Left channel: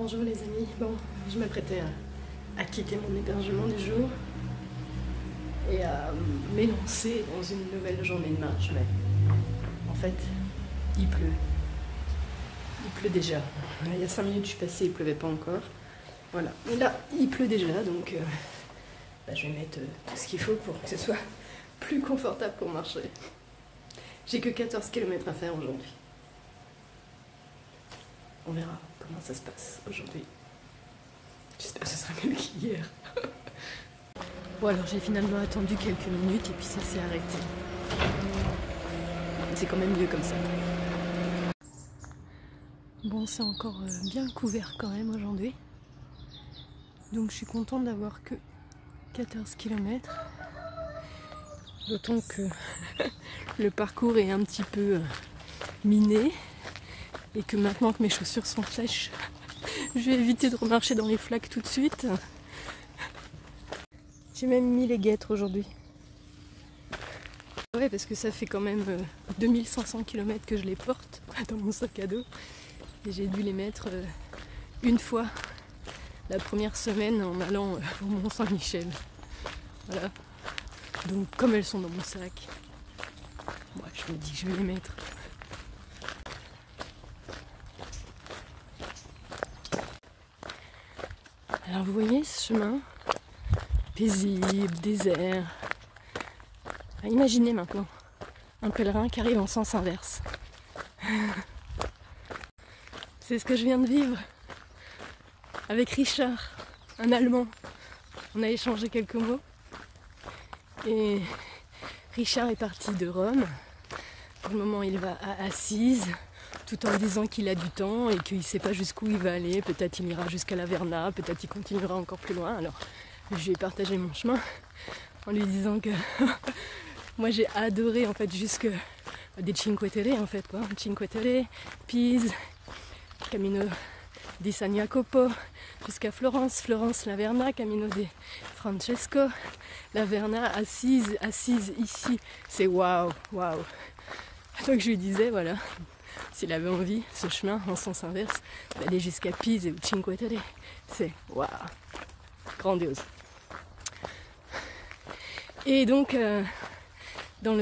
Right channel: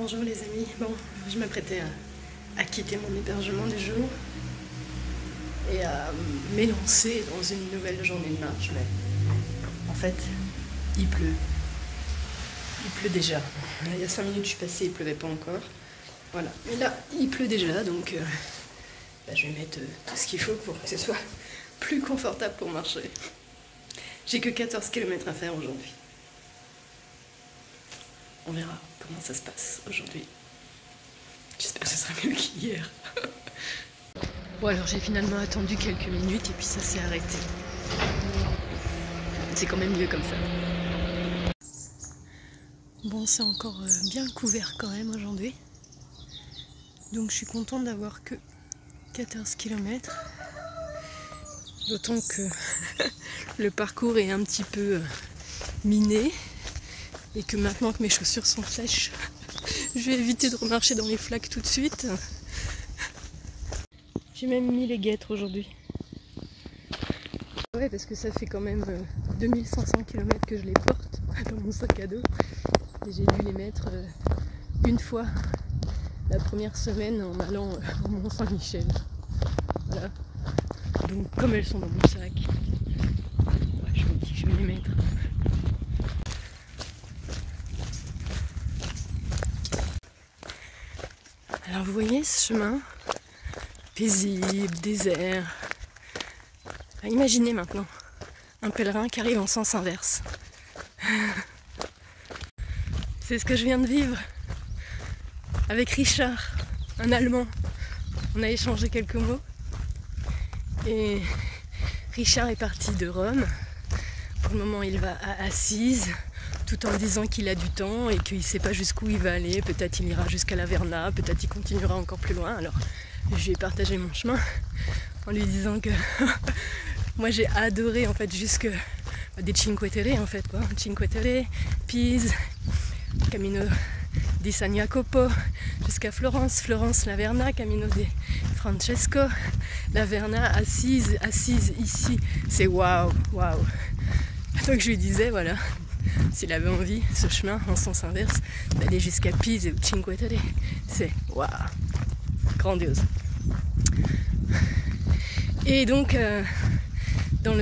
Bonjour les amis, bon, je m'apprêtais à quitter mon hébergement du jour et à m'élancer dans une nouvelle journée de marche, mais en fait, il pleut. Il pleut déjà. Il y a 5 minutes je suis passée, il pleuvait pas encore. Voilà, mais là, il pleut déjà, donc je vais mettre tout ce qu'il faut pour que ce soit plus confortable pour marcher. J'ai que 14 km à faire aujourd'hui. On verra comment ça se passe aujourd'hui. J'espère que ce sera mieux qu'hier. Bon alors j'ai finalement attendu quelques minutes et puis ça s'est arrêté. C'est quand même mieux comme ça. Bon, c'est encore bien couvert quand même aujourd'hui. Donc je suis contente d'avoir que 14 km. D'autant que le parcours est un petit peu miné. Et que maintenant que mes chaussures sont sèches, je vais éviter de remarcher dans les flaques tout de suite. J'ai même mis les guêtres aujourd'hui. Ouais, parce que ça fait quand même 2500 km que je les porte dans mon sac à dos. Et j'ai dû les mettre une fois la première semaine en allant au Mont Saint-Michel. Voilà. Donc comme elles sont dans mon sac, ouais, je me dis que je vais les mettre. Alors vous voyez ce chemin paisible, désert. Imaginez maintenant un pèlerin qui arrive en sens inverse. C'est ce que je viens de vivre avec Richard, un Allemand. On a échangé quelques mots. Et Richard est parti de Rome. Pour le moment, il va à Assise, tout en disant qu'il a du temps et qu'il ne sait pas jusqu'où il va aller. Peut-être il ira jusqu'à la Verna, peut-être il continuera encore plus loin. Alors, je lui ai partagé mon chemin en lui disant que moi j'ai adoré en fait jusque des Cinque Terre en fait quoi. Cinque Terre, Pise, Camino di San Jacopo, jusqu'à Florence, Florence, la Verna, Camino di Francesco, la Verna, Assise, Assise ici. C'est waouh, waouh. Donc je lui disais voilà, s'il avait envie, ce chemin en sens inverse, d'aller jusqu'à Pise et Cinque Terre, c'est waouh, grandiose. Et donc, dans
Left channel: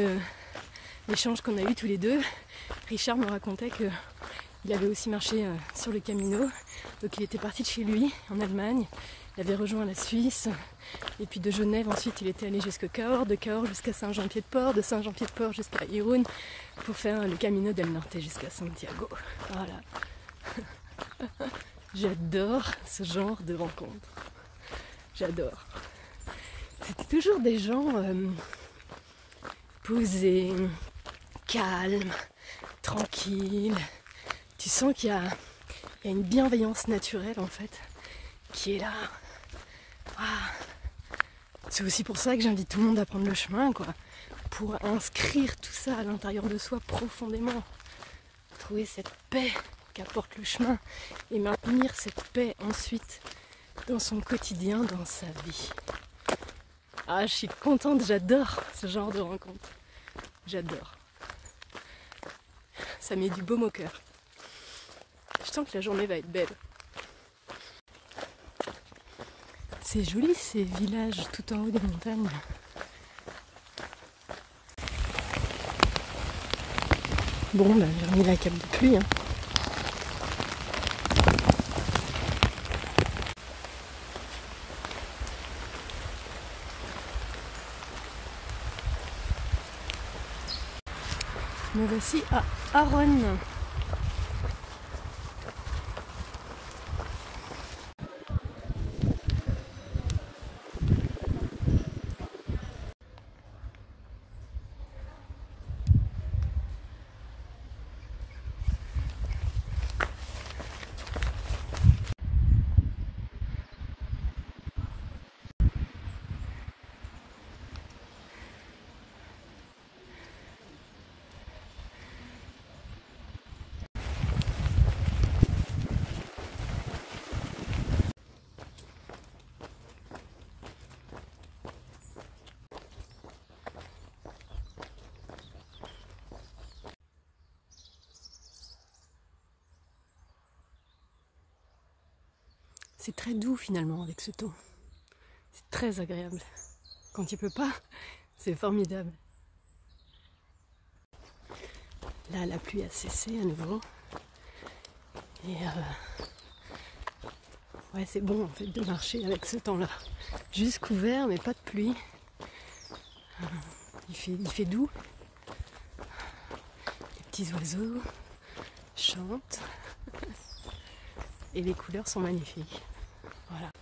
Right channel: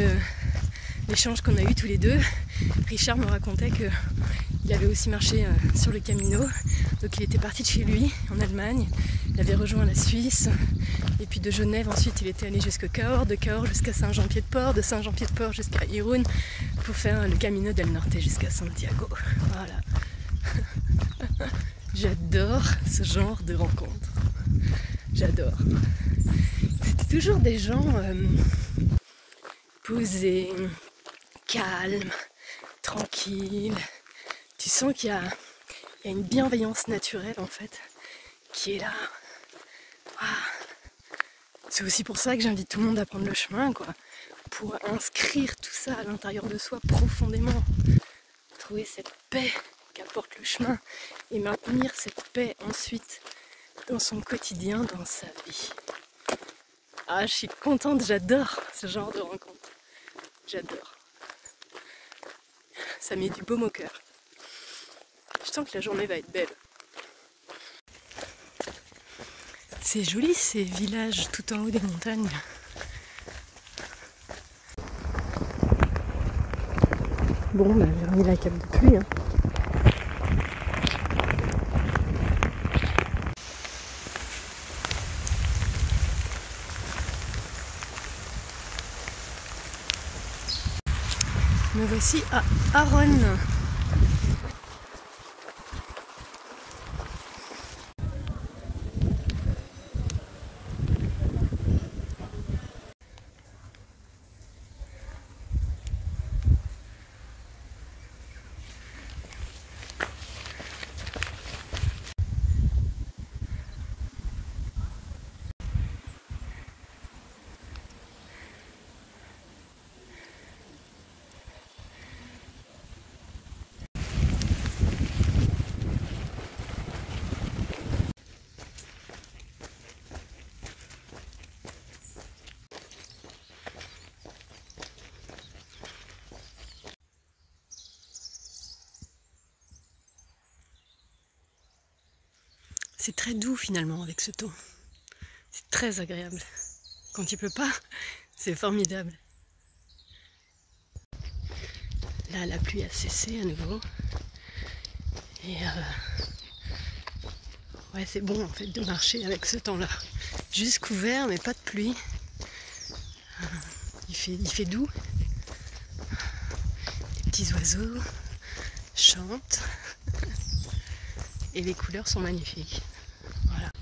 l'échange qu'on a eu tous les deux, Richard me racontait qu'il avait aussi marché sur le Camino. Donc il était parti de chez lui, en Allemagne, il avait rejoint la Suisse, et puis de Genève, ensuite il était allé jusqu'à Cahors, de Cahors jusqu'à Saint-Jean-Pied-de-Port, de Saint-Jean-Pied-de-Port jusqu'à Irún, pour faire le Camino del Norte jusqu'à Santiago. Voilà. J'adore ce genre de rencontres. J'adore. C'est toujours des gens posés, calmes, tranquilles. Tu sens qu'il y a une bienveillance naturelle en fait qui est là. Ah. C'est aussi pour ça que j'invite tout le monde à prendre le chemin, quoi, pour inscrire tout ça à l'intérieur de soi profondément. Trouver cette paix qu'apporte le chemin et maintenir cette paix ensuite dans son quotidien, dans sa vie. Ah, je suis contente, j'adore ce genre de rencontre. J'adore. Ça met du baume au cœur. Je sens que la journée va être belle. C'est joli ces villages tout en haut des montagnes. Bon, j'ai remis la cape de pluie. Hein. Me voici à Aronne. C'est très doux finalement avec ce temps. C'est très agréable. Quand il pleut pas, c'est formidable. Là, la pluie a cessé à nouveau. Et ouais, c'est bon en fait de marcher avec ce temps-là. Juste couvert, mais pas de pluie. Il fait doux. Les petits oiseaux chantent. Et les couleurs sont magnifiques. Voilà.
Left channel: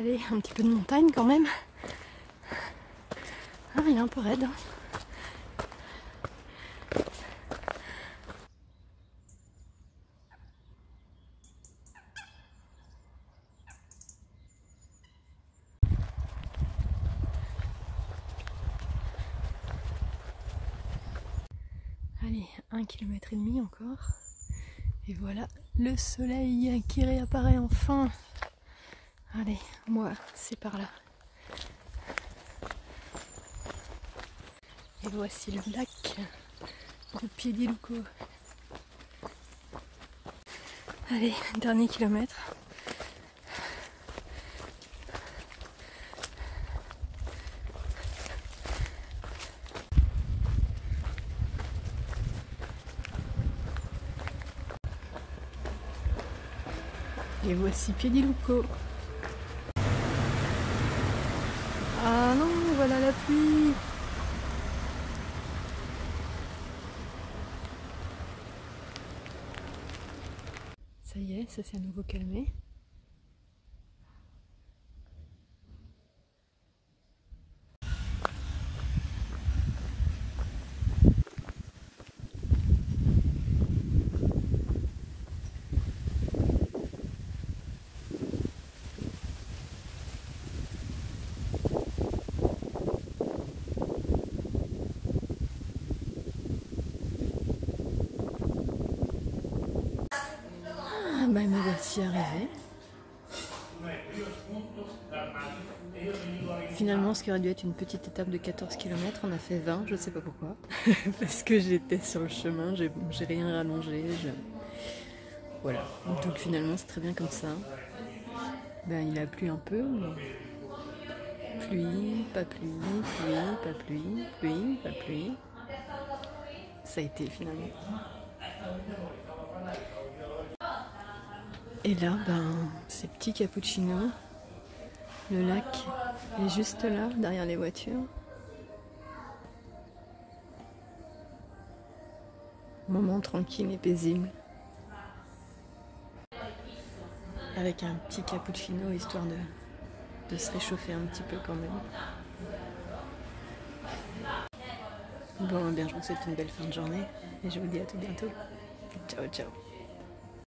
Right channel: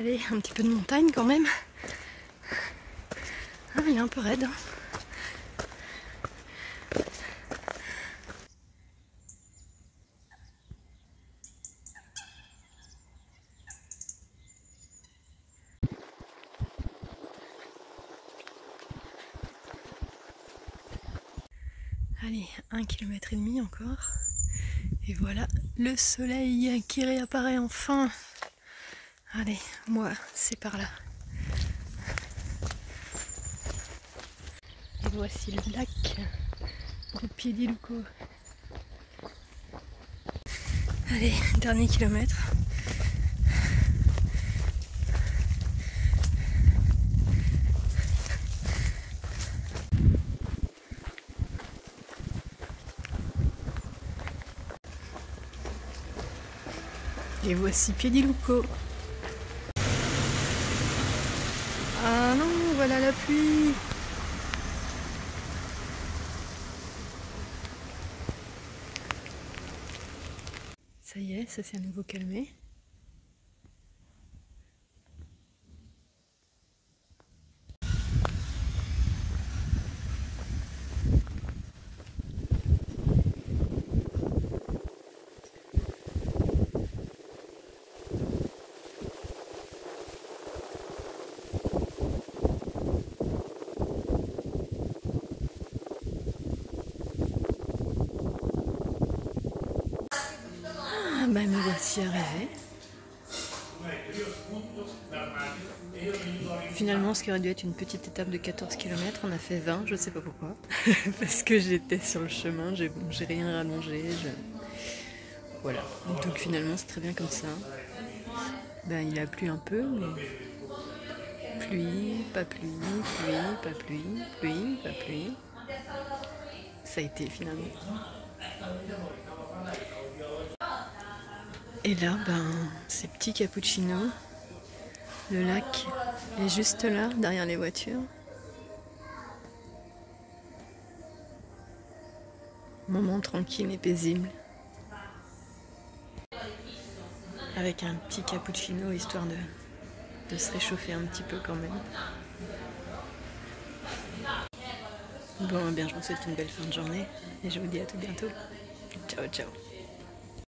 Allez, un petit peu de montagne quand même. Ah, il est un peu raide. Allez, 1,5 km encore. Et voilà le soleil qui réapparaît enfin. Allez, moi, c'est par là. Et voici le lac de Piediluco. Allez, dernier kilomètre. Et voici Piediluco. Ah non, voilà la pluie. Ça y est, ça s'est à nouveau calmé. Ah bah me voici arrivée. Finalement, ce qui aurait dû être une petite étape de 14 km, on a fait 20, je sais pas pourquoi. Parce que j'étais sur le chemin, j'ai rien rallongé. Voilà. Donc finalement, c'est très bien comme ça. Ben, il a plu un peu, mais pluie, pas pluie, pluie, pas pluie, pluie, pas pluie. Ça a été finalement. Et là, ben, ces petits cappuccinos, le lac est juste là, derrière les voitures. Moment tranquille et paisible. Avec un petit cappuccino, histoire de se réchauffer un petit peu quand même. Bon, eh bien, je vous souhaite une belle fin de journée et je vous dis à tout bientôt. Ciao, ciao.